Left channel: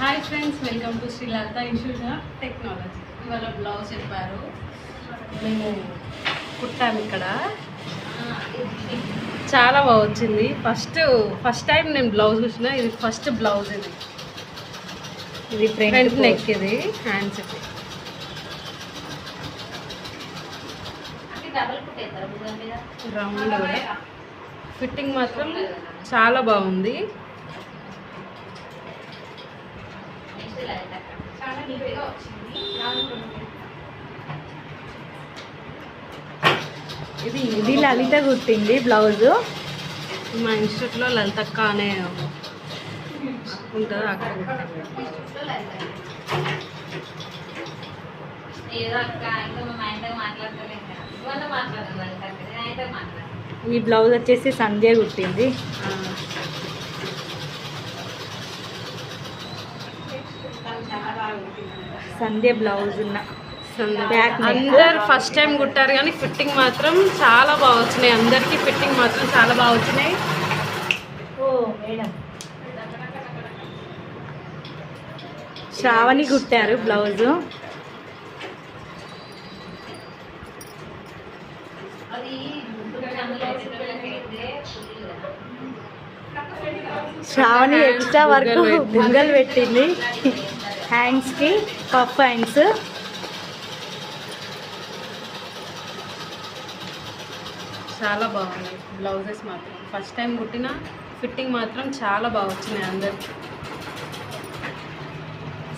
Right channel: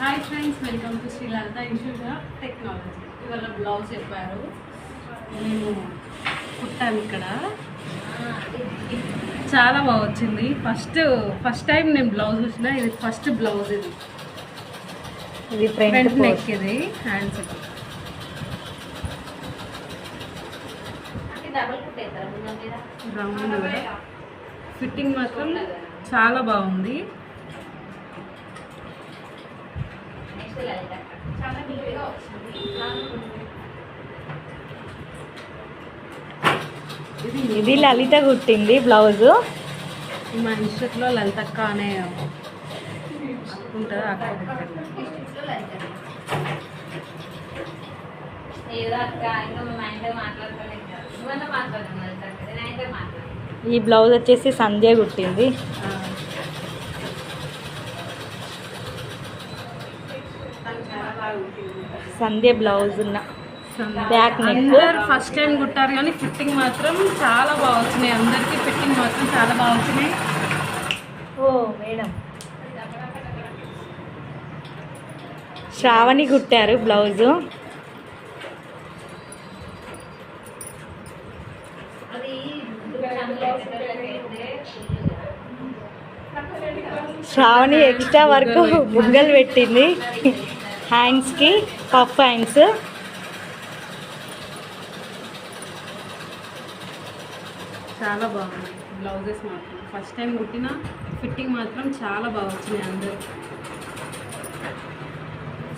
Hi friends, welcome to Shri Lalitha institute of technology. ఇవాళ blouse చెప్పారు, మేము కుట్టాము. ఇక్కడ చాలా బాగా వచ్చింది. ఫస్ట్ టైం నేను బ్లౌజ్ చూసిన. ఇది ఫస్ట్ బ్లౌజ్. ఇది ఫ్రంట్ నెక్, ఇది హ్యాండ్స్. ఫిట్టింగ్ మాత్రం చాలా బాగుంది. ఇది లలిత కుట్టింది బ్లౌజ్. మా ఇన్స్టిట్యూట్లో లలితక్క అనే ఉంటుంది, అక్కడ ఈ బ్లౌజ్ వచ్చేసి సంధ్య కుట్టింది. సంధ్య బ్లౌజ్ ఉన్న బ్యాక్ నెక్. అందరు ఫస్ట్ టైం కుట్టారు కానీ ఫిట్టింగ్ మాత్రం చాలా బాగా వచ్చినాయి. అందరికీ ఫిట్టింగ్ మాత్రం చాలా బాగా వచ్చినాయి. ఓ మేడం, శ్రావణి కుట్టారు బ్లౌజు. శ్రావణి ఎక్స్ట్రా వర్క్ బుగ్గలు పెట్టింది హ్యాండ్స్కి, పఫ్ హ్యాండ్స్. చాలా బాగుంది బ్లౌజెస్ మాత్రం. ఫస్ట్ టైం కుట్టిన ఫిట్టింగ్ మాత్రం చాలా బాగా వచ్చినాయి. అందరు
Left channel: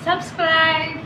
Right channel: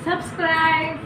సబ్స్క్రైబ్.